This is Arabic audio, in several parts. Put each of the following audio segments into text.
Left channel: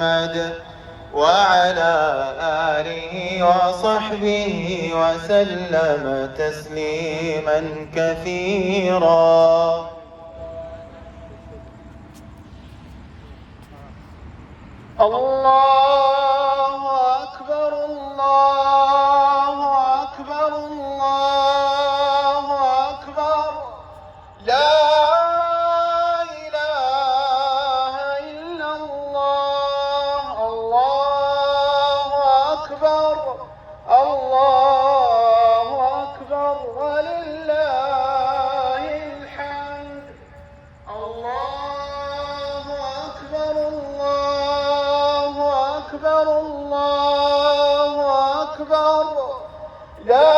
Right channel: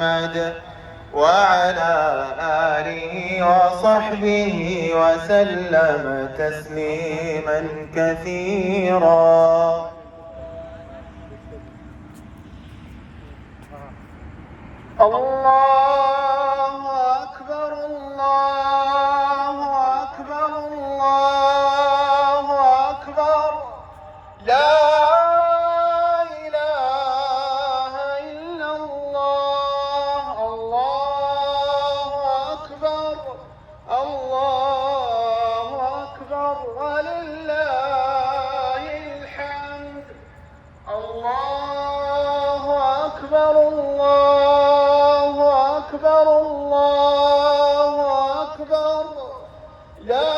محمد وعلى آله وصحبه وسلم تسليما كثيرا. الله أكبر الله أكبر الله أكبر لا إله إلا الله. الله أكبر الله أكبر ولله الحمد. الله أكبر الله أكبر الله أكبر لا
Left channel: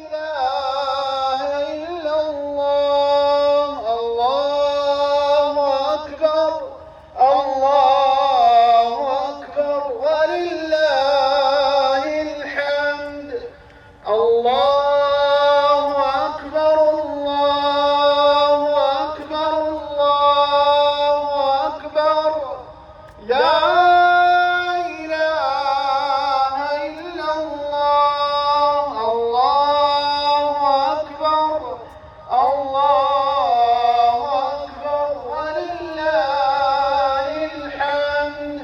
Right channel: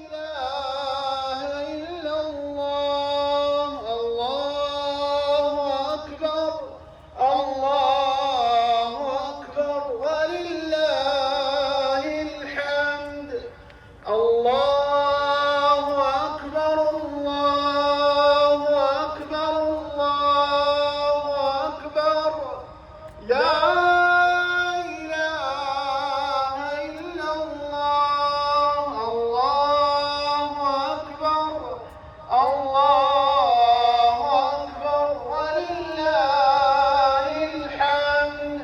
إله إلا الله. الله أكبر الله أكبر ولله الحمد. الله أكبر الله أكبر الله أكبر لا إله إلا الله. الله أكبر الله أكبر ولله الحمد.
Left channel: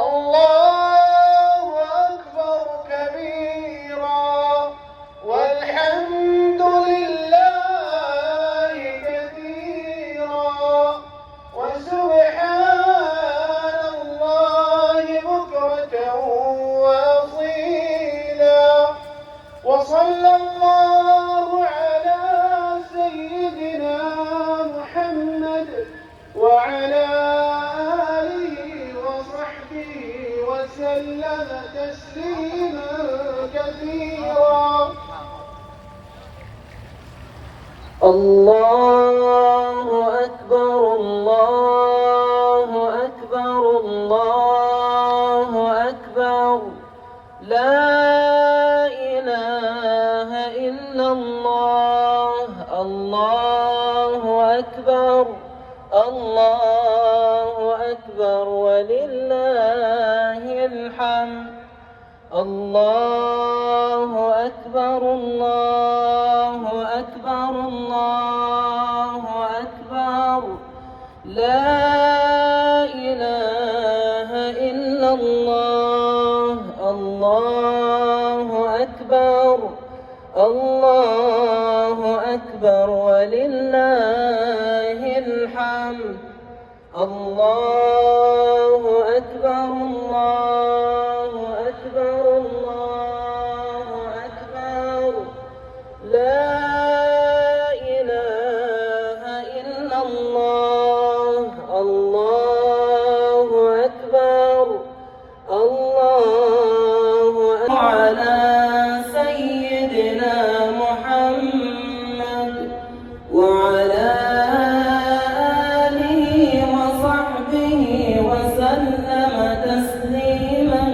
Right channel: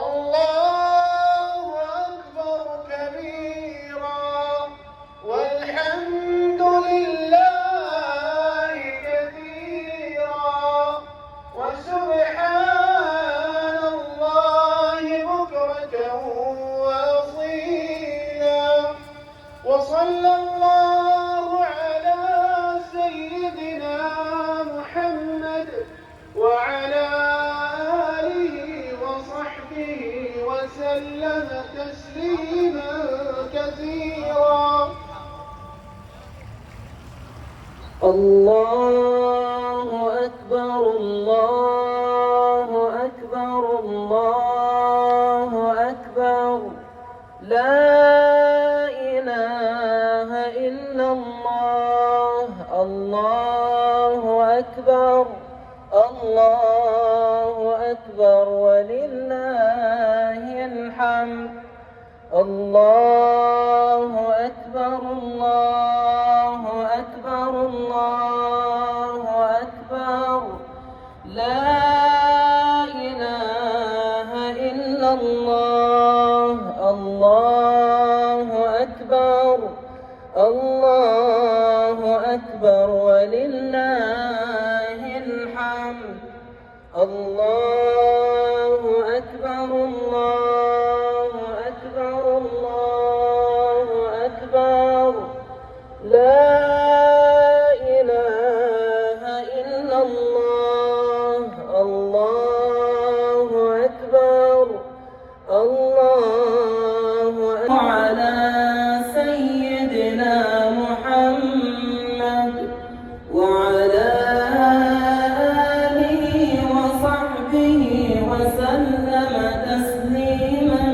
الله أكبر كبيرا والحمد لله كثيرا وسبحان الله بكرة وأصيلا. وصلى الله على سيدنا محمد وعلى آله وصحبه وسلم تسليما كثيرا. الله أكبر الله أكبر الله أكبر لا إله إلا الله. الله أكبر الله أكبر ولله الحمد. الله أكبر الله أكبر الله أكبر لا إله إلا الله. الله أكبر الله أكبر ولله الحمد. الله أكبر الله أكبر الله أكبر لا إله إلا الله. الله أكبر الله أكبر على سيدنا محمد وعلى آله وصحبه وسلم تسليما.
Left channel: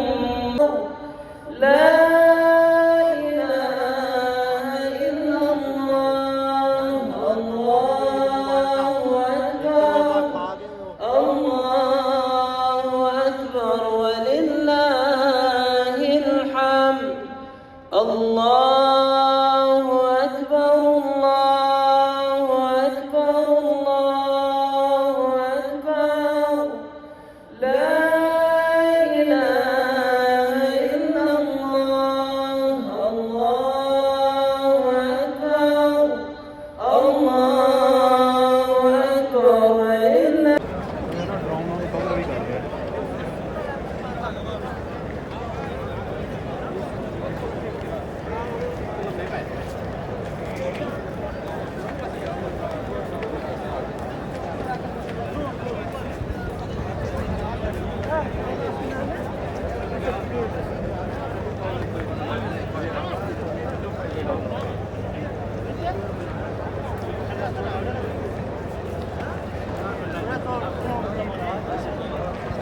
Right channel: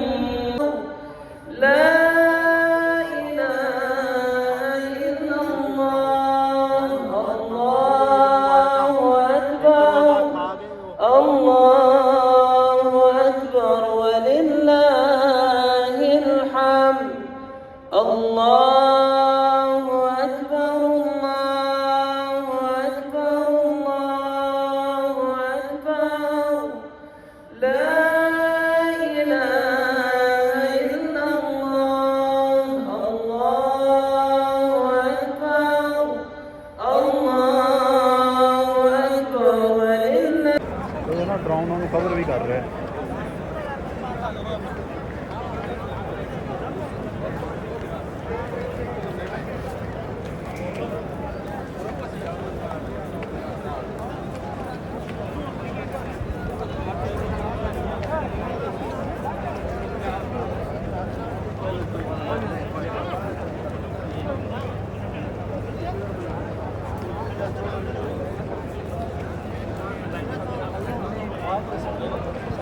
لا إله إلا الله. الله أكبر الله أكبر ولله الحمد. الله أكبر الله أكبر الله أكبر لا إله إلا الله. الله أكبر الله أكبر ولله.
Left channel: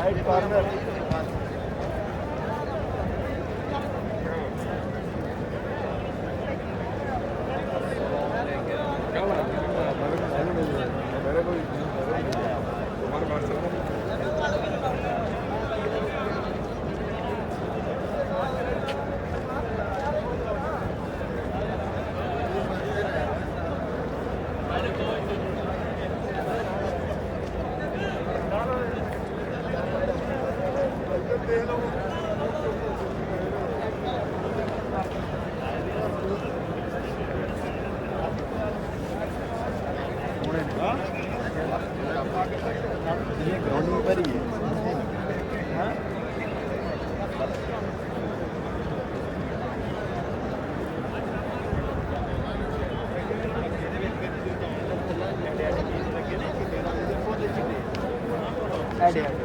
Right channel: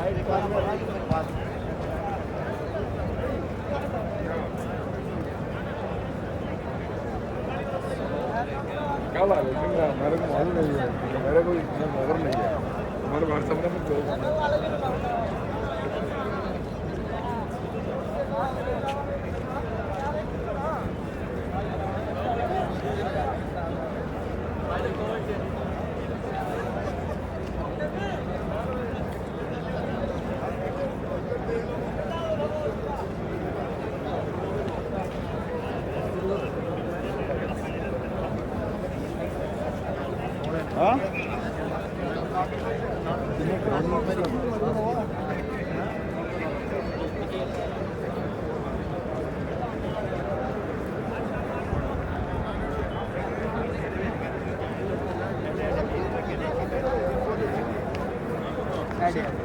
मेरे को Idea.